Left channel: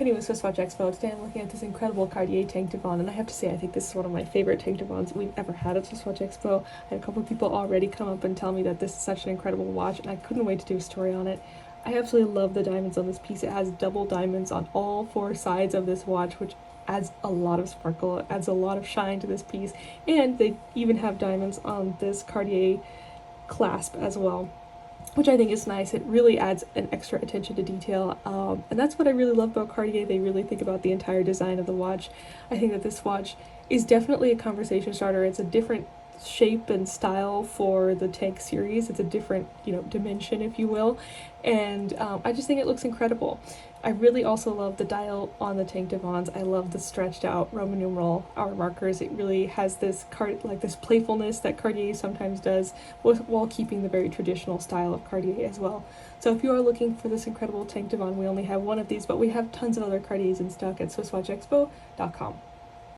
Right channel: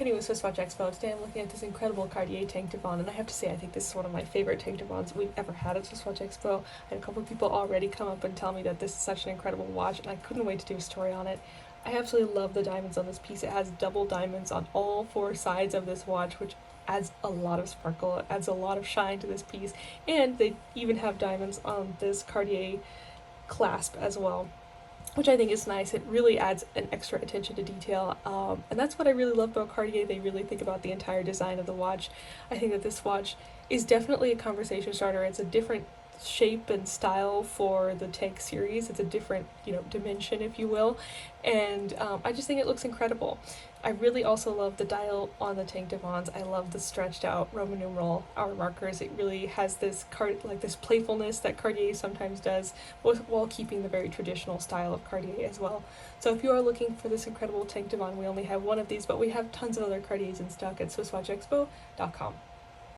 Anyway, SwissWatchExpo, today I'm looking at this incredible Cartier Tank Divan, and I have to say I think this is one of my favorite Tank Divans we've ever had at SwissWatchExpo. I had a couple of people already come up and tell me that this is such an incredible watch, and I couldn't wait to do a story on it. I absolutely love the diamonds on this piece. It has double diamonds on all four sides of this watch, which adds a lot of sparkle, it adds a lot of shine to this piece, and they even have diamonds on this Cartier clasp as well, which I think is nice. It really adds an extra attention to detail, and that's what I really love about Cartier. They really think about the entire design of the watch. I think that this watch is definitely a conversation starter. It's a different shape and style for the Tank series. It's a different, dimension, if you will, and I just think it looks incredible. I really also love the dial on the Tank Divans. I love the stretched out Roman numeral hour markers. It really has this this playfulness that Cartier sometimes does, while keeping the very traditional style of Cartier as well. So if you are looking for this incredible Tank Divan, we only have one of these, but we have tons of other Cartiers in stock at SwissWatchExpo.com.